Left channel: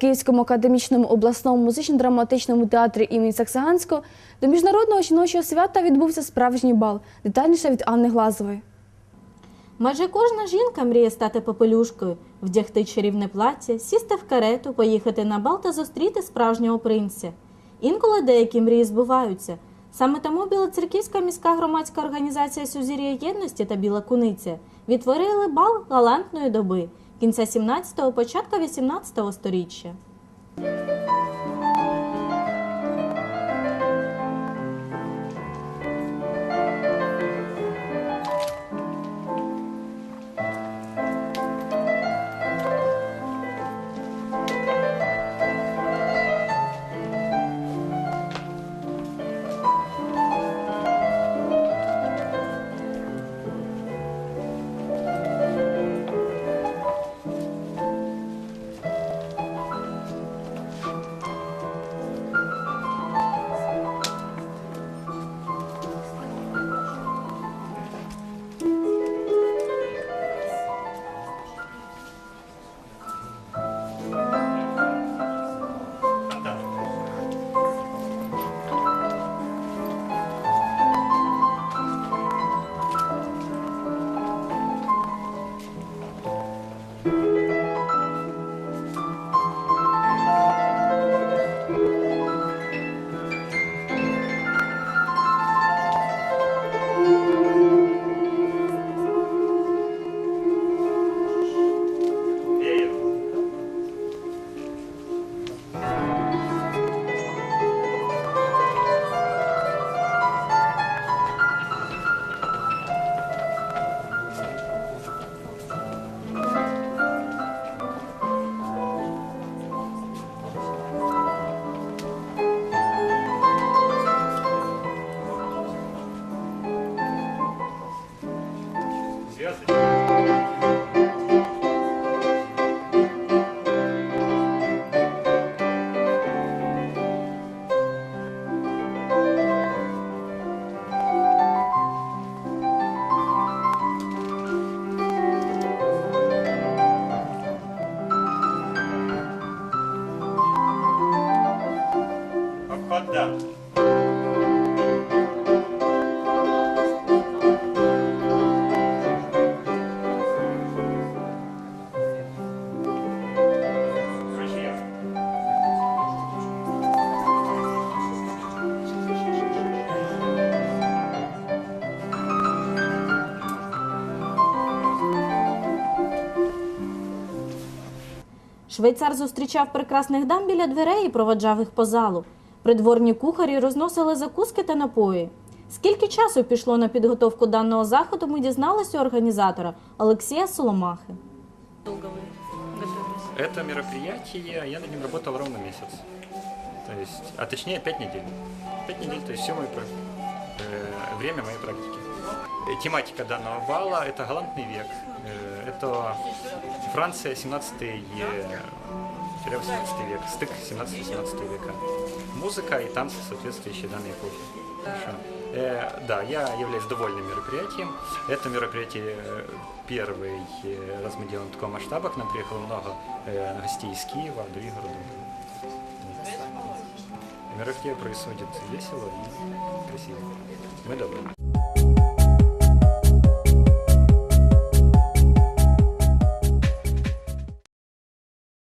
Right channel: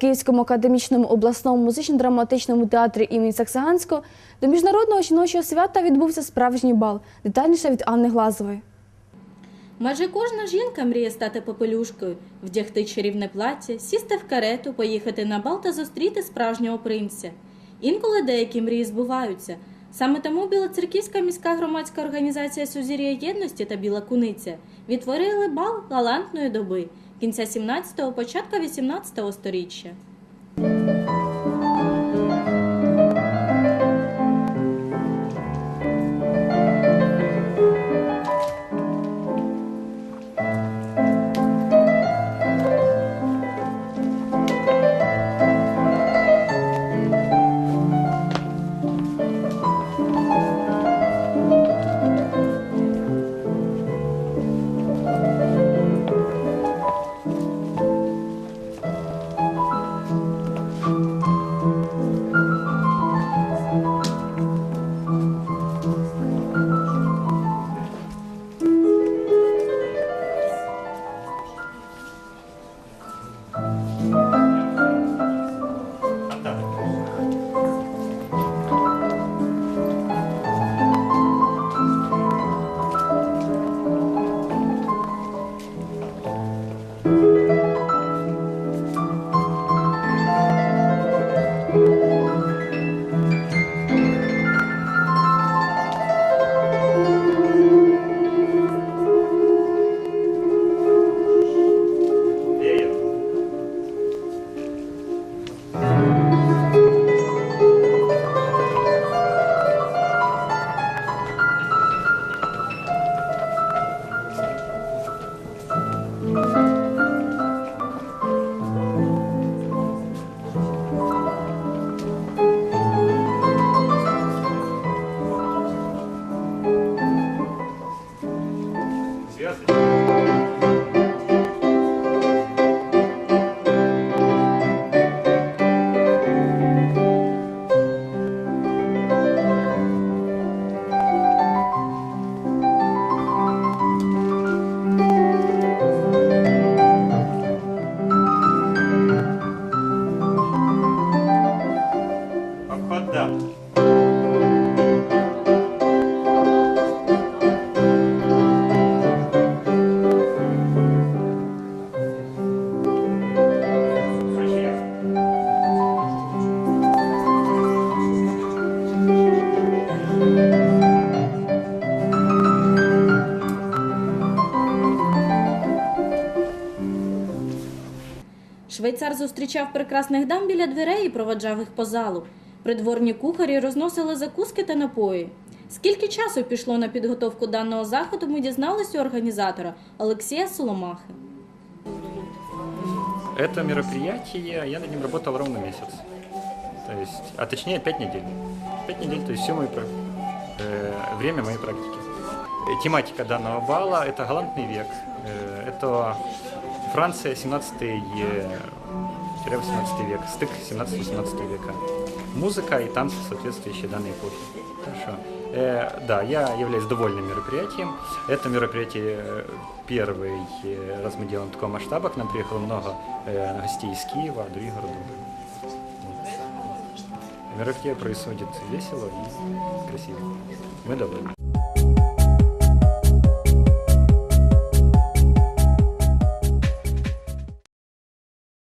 Київському академічному обласному музично-драматичному театрі імені Саксаганського до міжнародного жіночого свята відбувся справжній бал. Детальніше від Анни Глазової. Майже кожна жінка мріє стати попелюшкою, вдягти чарівне плаття, сісти в карету, поїхати на бал та зустріти справжнього принця. Інколи деякі мрії збуваються. Саме тому Білоцерківська міська громадська організація Сузір'я єдності та Біла Куниця відтворили бал галантної доби кінця 17-го, початку 18-го сторіччя. Швейцар зустрічав прекрасних дам біля дверей і проводжав їх по залу. Придворні кухарі розносили закуски та напої. Скільки часу пішло на підготовку даного заходу, ми дізналися у організатора Олексія Соломахи. Это мероприятие, я над ним работал ровно месяц. То есть, а точнее 5 недель. 5 недель, то есть все мои, про- э, время моей практики. Э, Тематика данного бала – это галантный век. Э, это Франция, 17 18 век, стык 17-18 века. Музыка и танцы, соответствующие данной эпохе. Хорошо. Э, да, я являюсь довольным мероприятием. Это мероприятие э, первый э, раз мы делаем в таком масштабе. К нам приехало много э, гостей из Киева, других городов. Мероприятие происходит весело и красиво. Мы довольны.